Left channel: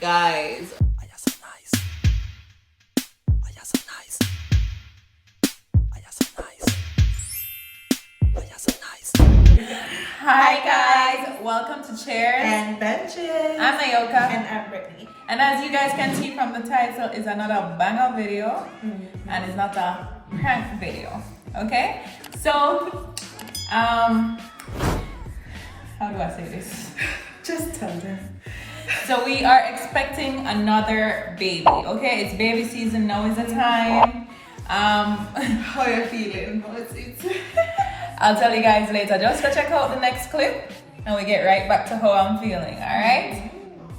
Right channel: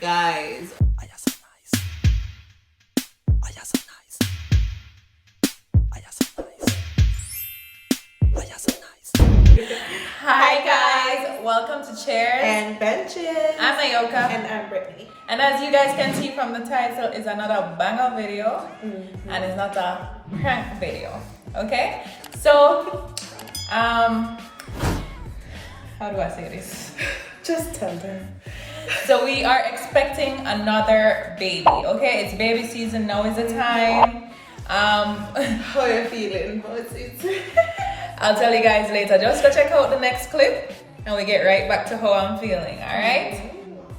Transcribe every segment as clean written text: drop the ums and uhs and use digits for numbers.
Guys. I am so nice. I am so nice. I am so nice. I am so nice. Hi guys, welcome to Chairs And Benches. I'm Ayoka. And I'm Brittany. And as you guys can see from the title, is another banger video, and it's not a prank video. Okay, so how do I say this? Just tell them. So we are expecting another baby. Okay, it's baby season now. Is the time. How you feeling? How is it? I'll tell you guys later. Just go check out the next clip, and we get right back to how I'm feeling. All right.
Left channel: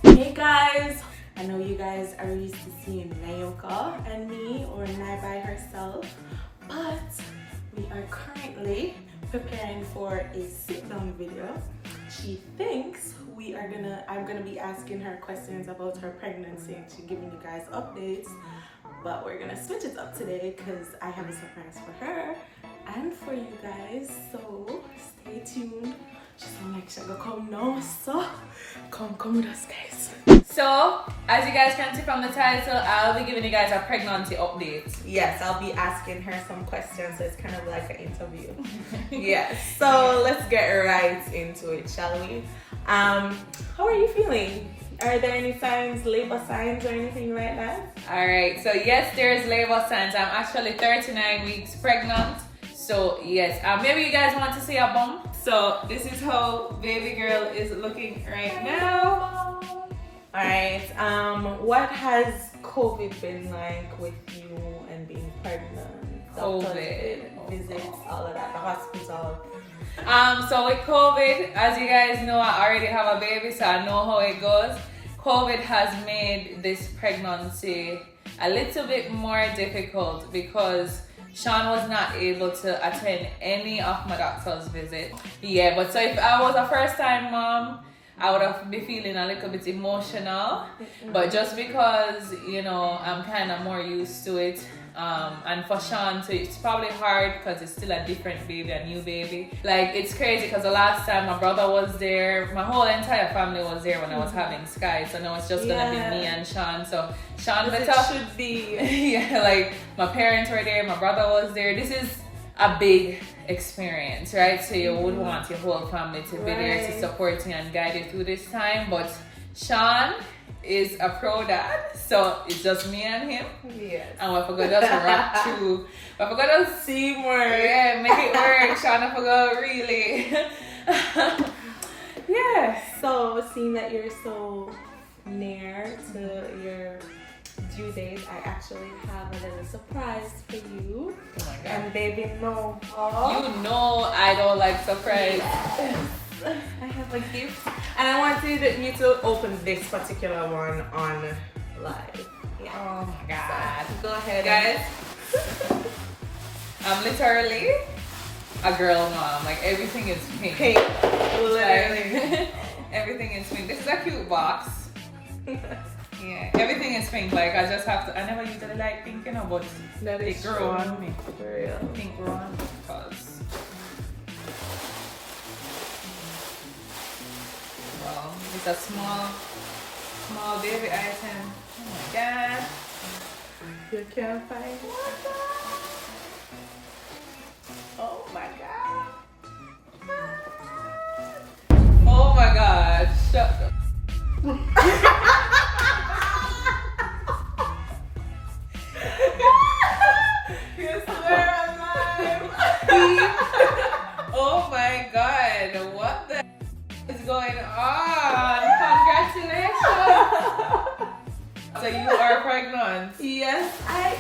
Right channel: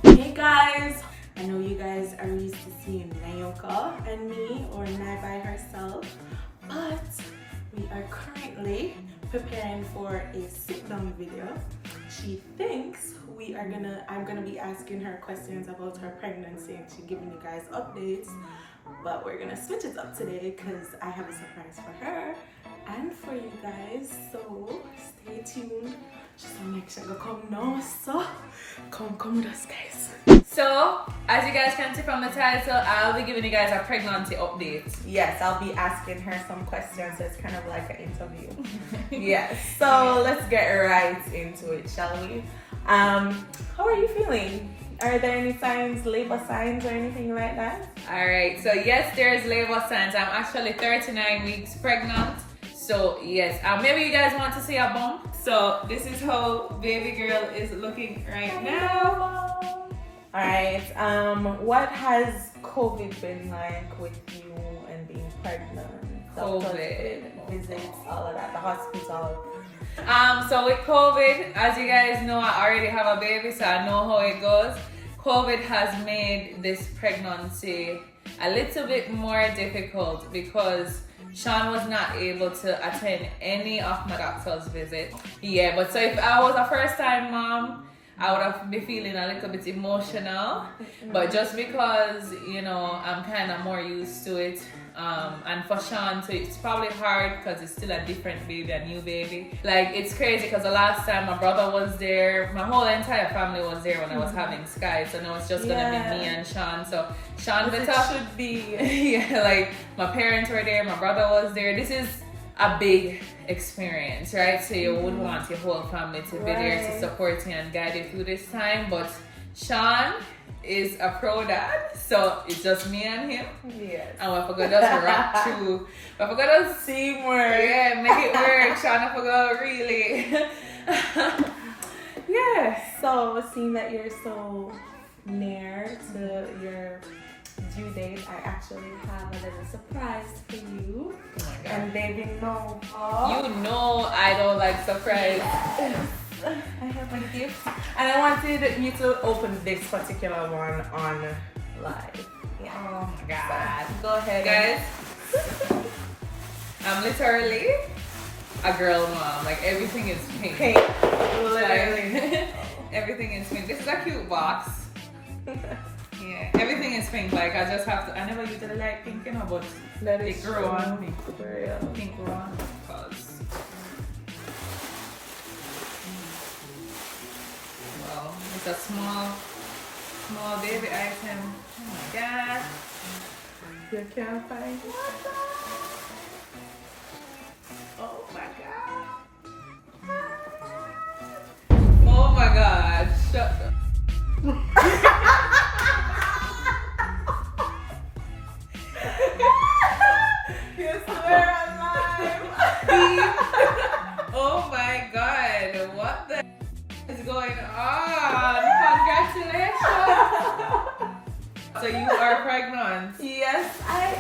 Hey guys, I know you guys are used to seeing Nayoka and me or Nai by herself, but we are currently preparing for a sit-down video. She thinks I'm gonna be asking her questions about her pregnancy and she's giving you guys updates, but we're gonna switch it up today because I have a surprise for her and for you guys, so stay tuned. Just wanna make sure I go come now, so come with us guys. So, as you guys can see from the title, I'll be giving you guys a pregnancy update. Yes, I'll be asking her some questions, so it's kind of like an interview. Yes, so let's get right into it, shall we? How are you feeling? Are there any signs, labor signs or anything like that? Alright, so yes, there's labor signs. I'm actually 39 weeks pregnant. So yes, maybe you guys want to see a bump. So this is how baby girl is looking right now. Alright, what has COVID been like with you and being pregnant? COVID. Visits, all of that, the hospital. So with COVID, as you guys know, I already have a baby, so I know how it goes. COVID has made this pregnancy a little bit more difficult because Shaun was not able to attend any of my doctor's visits. Yeah, but so if I was a first time mom, I would have been feeling a little bit emotional. But just because, you know, I'm kind of more used to it. And for Shaun too, it's probably hard because it's still a different baby, a new baby. Like, it's crazy because the last time my brother was there, my whole entire family was there when I was having Sky. So now it's just gonna be me and Shaun. So Shaun better should be. yeah, like my parents were there, my brother was there. This is a big experience, right? So you would want your whole family to be there to support you and guide you through this time. But Shaun is a pro dad, so it's just me and him. Yes. And we forgot to rock through. We forgot to Teamwork. yeah, make it work. Shaun, I forgot really. yeah. So, seeing that you're so near to your due date, I actually have a little surprise for you. Oh my god. And baby, no. You know I don't like surprise. Yes. I have a gift. And I wanted you to open this particular one on live. Yeah. Oh my god. So, go ahead. Guys, I'm literally a girl mom. Like, everything is pink. Pink. Literally. Like, everything is pink. This is a cute box. Yeah, everything is pink. Like, I just have to. I never usually like pink, you know, but That it is grew true. on me. For real. Pink grew on because. Well, it's a small baby item. Oh my god. You can't find it. Oh my god. Oh my god. Shut up. You swear alive. Oh my god. What the is going on? Congratulations. So you are pregnant. Yes, I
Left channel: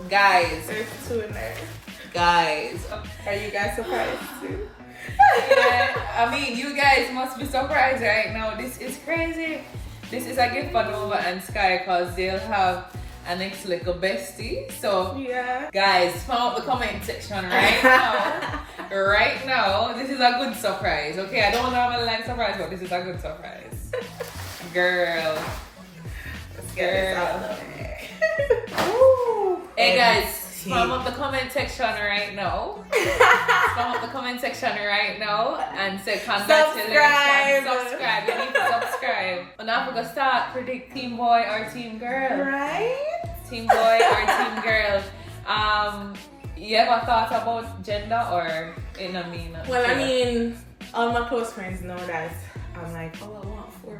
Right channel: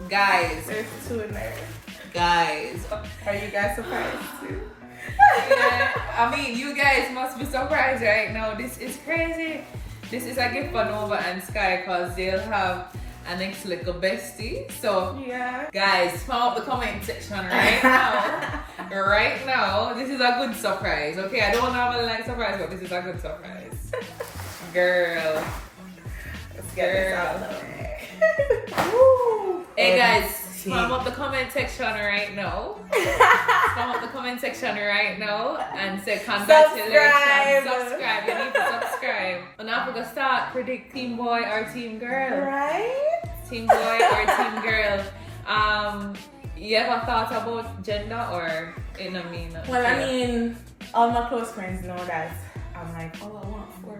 am. Guys. There's two in there. Guys. Are you guys surprised too? Yeah, I mean, you guys must be surprised right now. This is crazy. This is a gift for Nova and Sky because they'll have an next little bestie. So, Yeah. guys, spam up the comment section right now. Right now, this is a good surprise. Okay, I don't normally like surprise, but this is a good surprise. Girl. Let's get this out of the way. Hey guys, Spam up the comment section right now. Spam up the comment section right now and say congratulations. Subscribe. You need to subscribe. And now we're gonna start predict team boy or team girl. Right? Team boy or team girl. You ever thought about gender or in a mean? Well, I mean, all my close friends know that I'm like, oh, I want 4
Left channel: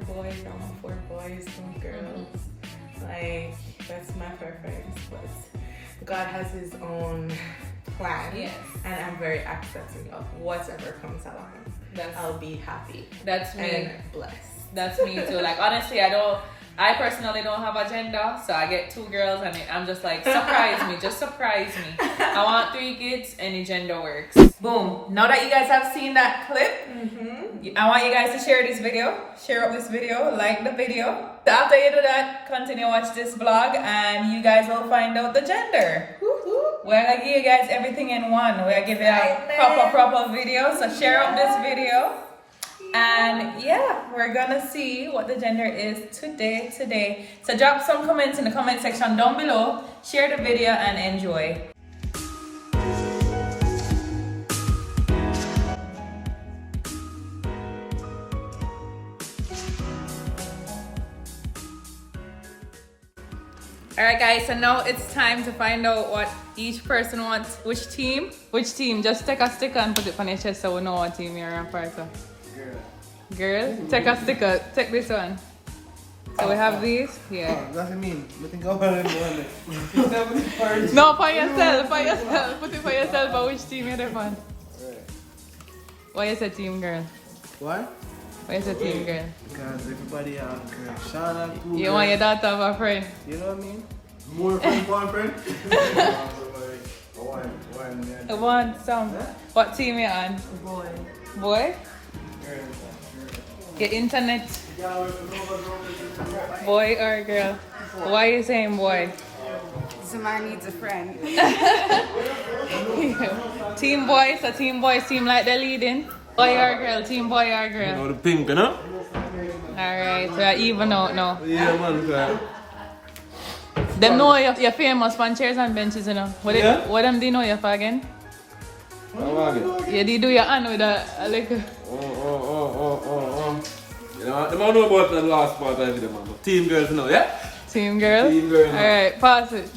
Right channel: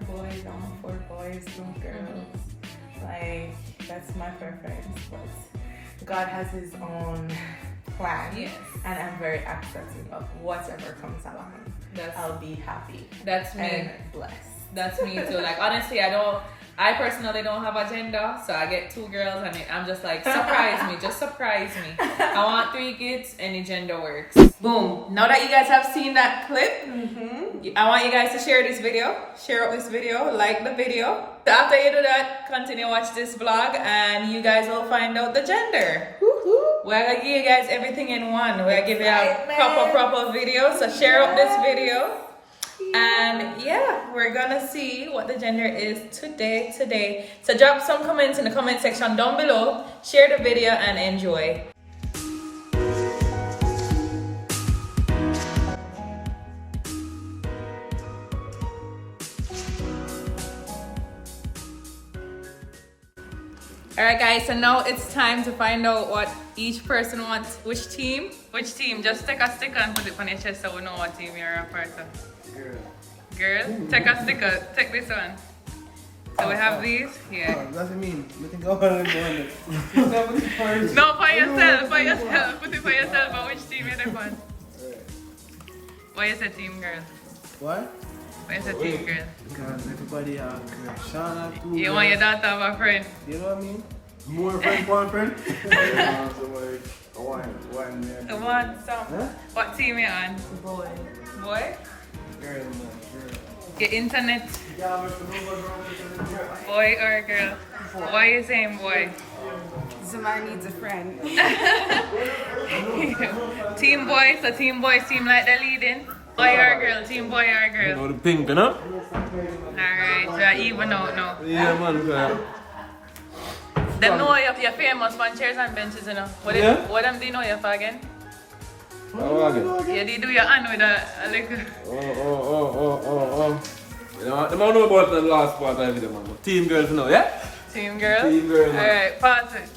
boys, 2 girls. Like, that's my preference. But God has his own plan. Yes. And I'm very accepting of whatever comes along. I'll be happy. That's me. And blessed. That's me too. Like, honestly, I personally don't have a gender, so I get 2 girls and I'm just like, surprise me, just surprise me. I want 3 kids, any gender works. Boom. Now that you guys have seen that clip, I want you guys to share this video, share up this video, like the video. So after you do that, continue watch this vlog and you guys will find out the gender. We're gonna give you guys everything in one. We're gonna give you a proper video, so share up this video. And yeah, we're gonna see what the gender is today. So drop some comments in the comment section down below, share the video and enjoy. Alright guys, so now it's time to find out what each person wants. Which team? Just take a sticker and put it on your chest so we know what team you're a part of. Girl? Take a sticker. Take this one. So we have these. Yeah. Oh, that's what I mean. I think I want to No, for yourself. Put it for yourself. But which team you're on? Why is a team girl? Why? Why is a team girl? Because everybody have girl. Shaun have 2 girls. You want your daughter to have a friend? You know what I mean? More friend, one friend. One. One song. What team you on? Boy. Boy? Get internet. Boy or girl? Boy. Why are you saying boy? Somebody needs a friend. Team boy, so team boys seem like they're leading. Boy or girl? Team boy or girl? You know the pink, you know? Alright, so even out now. Yeah, man, girl. Them know you're famous for chairs and benches, you know. What Yeah? What them they know you for again? How again? You did do your hand with a like. Oh. You know, they don't know about the last part of the video, man. But team girls, you know, yeah? Team girl? Team girl, no. Alright, pass it.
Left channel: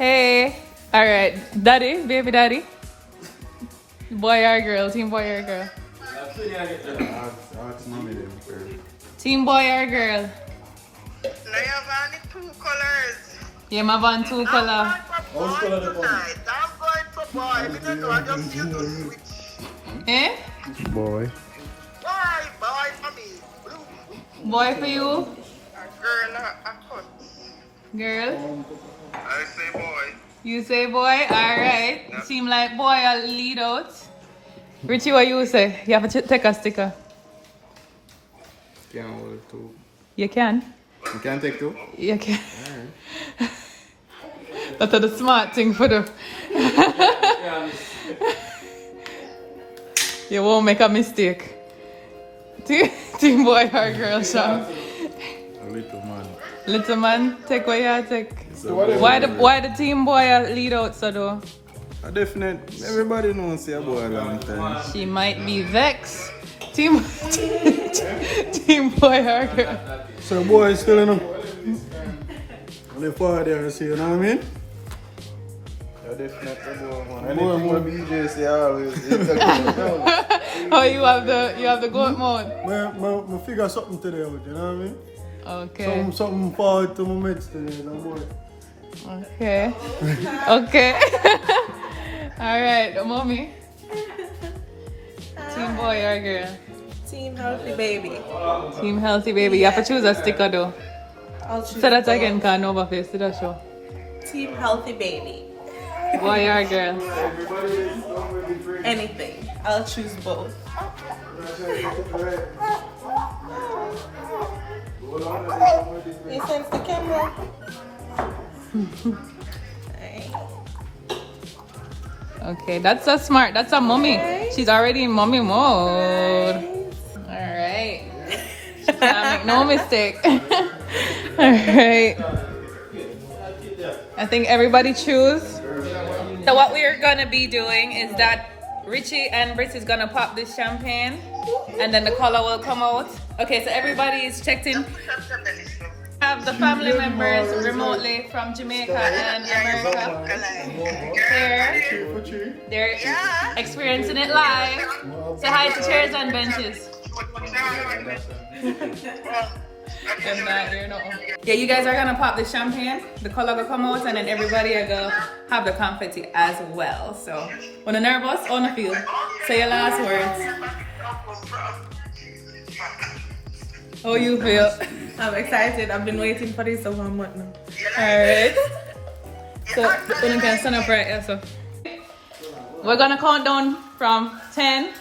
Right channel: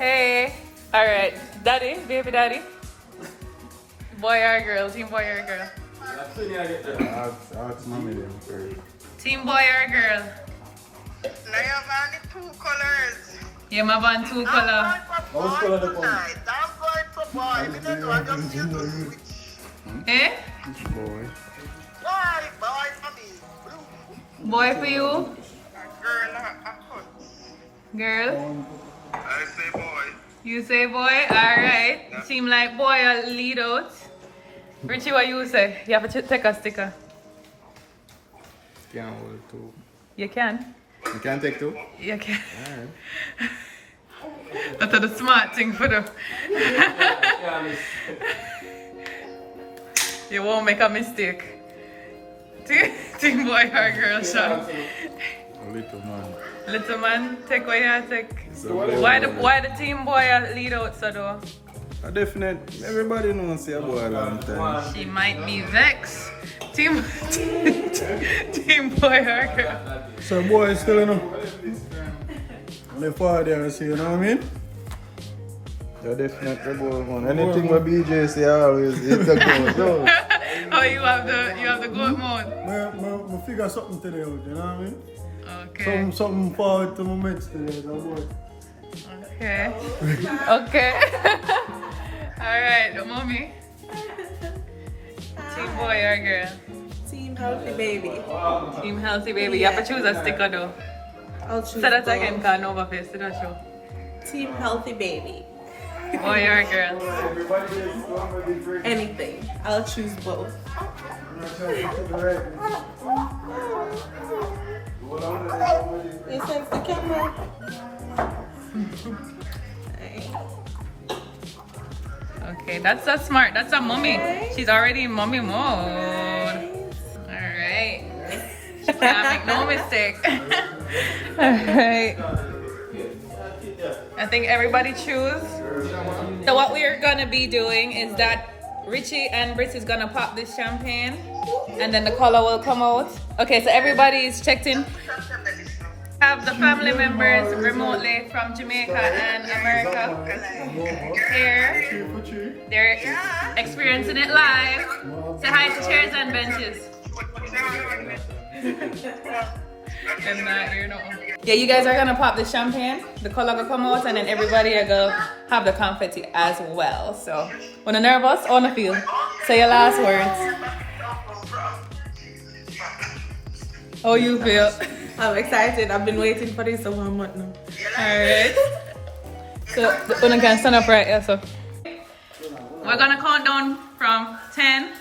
Hey. Alright, daddy, baby daddy. Boy or girl? Team boy or girl? Ask mommy then first. Team boy or girl? I have only 2 colors. Yeah, my van 2 color. I'm going for boy tonight. I'm going for boy. I don't know, I just feel to switch. Eh? Boy. Boy for me. Blue. Boy for you? A girl, a cunt. Girl? I say boy. You say boy? Alright. Yeah. Seem like boy I'll lead out. Richie, what you say? You have to take a sticker. Can't hold 2. You can. You can't take 2? You can. Alright. That's the smart thing for the. You won't make a mistake. Team boy or girl, Shaun? A little man. Little man, take what you take. So Why the team boy lead out so though? a definite, everybody knows say a boy a long time. She might be vexed. Team boy or girl? So boy still in them. On the father, see, you know what I mean? You're definitely boy. Anything what BJ say always, it's a good. Oh, you have the goat mode. I figure something today out, you know what I mean? Okay. Something forward to my mates today, so boy. Okay. Okay. Alright, mommy. Team boy or girl? Team healthy baby. Team healthy baby. You have to choose a sticker though. I'll choose Say that both. again, can over face to that show. Team healthy baby. Boy or girl? Anything. I'll choose both. You sense the camera? Okay, that's a smart. That's a mommy. Okay. She's already in mommy mode. Alright. No mistake. Alright. I think everybody choose. So what we are gonna be doing is that Richie and Britts is gonna pop this champagne, and then the color will come out. Okay, so everybody is checked in. Have the family members remotely from Jamaica and America here. They're experiencing it live. Say hi to chairs and benches. Yeah, you guys are gonna pop the champagne. The color will come out, and then everybody are gonna have the confetti as well. So, when you're nervous, on the field, say your last words. How you feel? I'm excited. I've been waiting for this over a month now. Alright. So, when you can stand up right here, so. We're gonna count down from 10,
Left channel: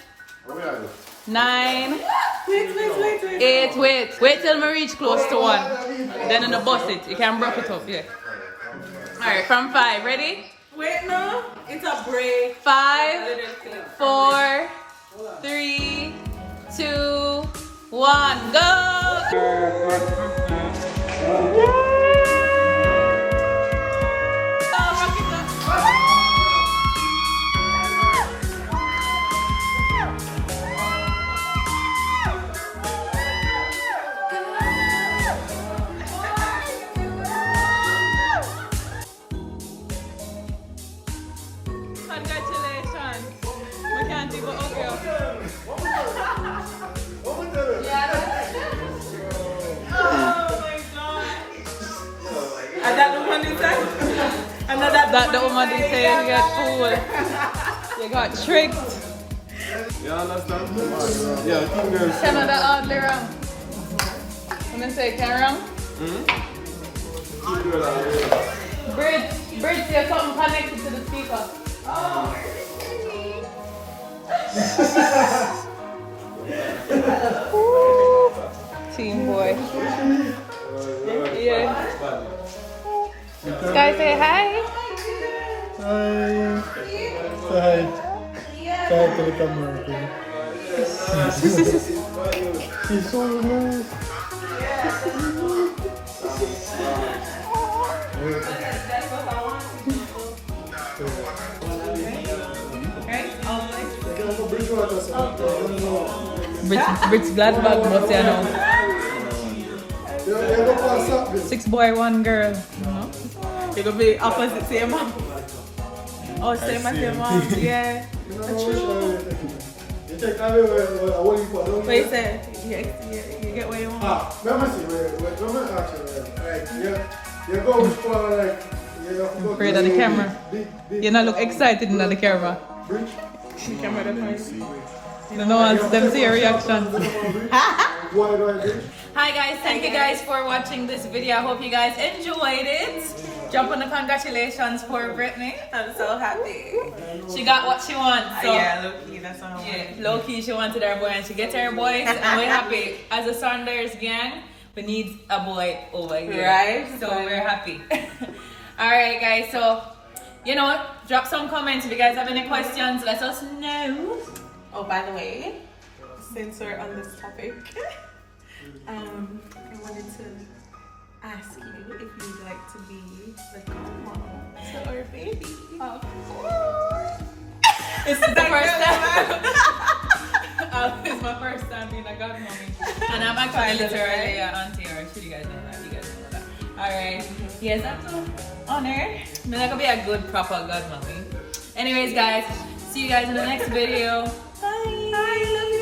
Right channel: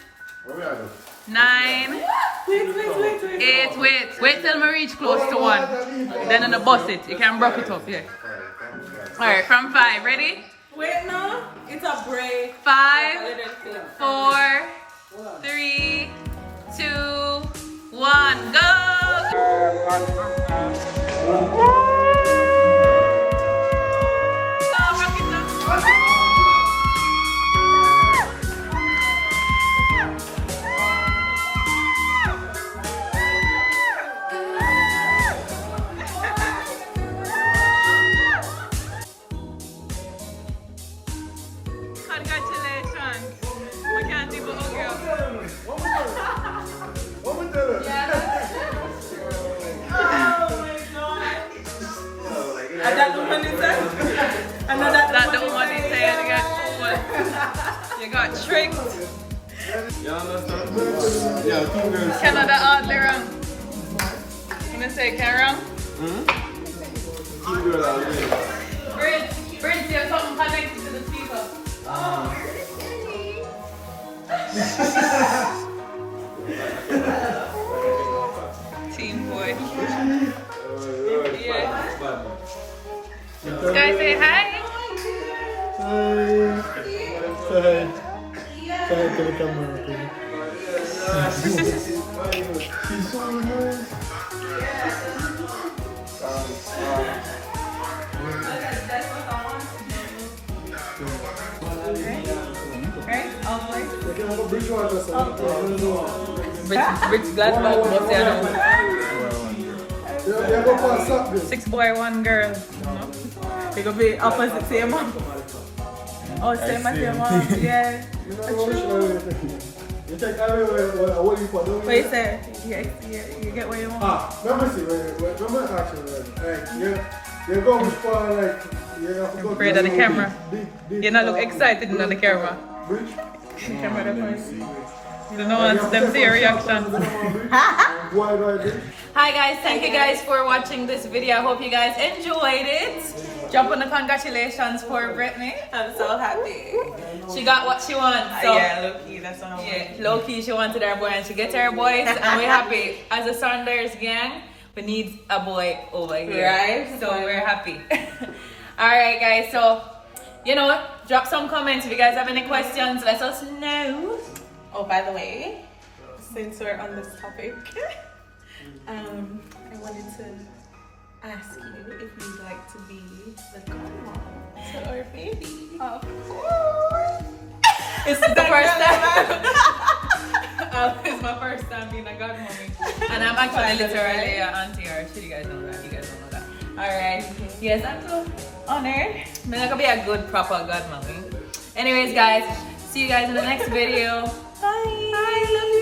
9, Wait till me reach close to 1. Then I'm gonna bust it. You can broke it up, yeah. Alright, from 5. Ready? Wait, no. It's a break. 5, 4, 3, 2, 1, go! Congratulations. We can't even hug you. I got the one inside. I know that the woman is saying you got fooled. They got tricked. You understand? Yeah, two girls. Canada out there wrong. When I say can wrong? Britts, you have something connected to the speaker. Team boy. Sky, say hi. Hi. Say hi. Say hi to the camera. Right? All boys. Britts glad about 6 boy, 1 girl. It could be opposite same mom. Oh, same as your mom. Yeah. What you say? You get what you want. Let me see. Let me ask you. Right. You're going for like. Afraid of the camera. You not look excited in the camera. Which? The camera doesn't. You don't want them to see your reaction. Hi guys, thank you guys for watching this video. I hope you guys enjoyed it. Jump on the congratulations for Brittany. I'm so happy. She got what she wants. So Yeah, low key, that's what I want. yeah, low key she wanted her boy and she gets her boys and we're happy. As a Saunders gang, we need a boy over here. Right. So we're happy. Alright guys, so you know what? Drop some comments if you guys have any questions. Let us know. Oh, by the way, since we're on this topic, I wanted to ask you if you'd like to be the godmom to our baby. Of course. It's the first time. It's my first time being a godmommy. And I'm actually literally an auntie, or should you guys know that? You guys don't know that. Alright. Yes, that's an honor. I'm not gonna be a good, proper godmommy. Anyways, guys, see you guys in the next video. Bye. Bye. Love you.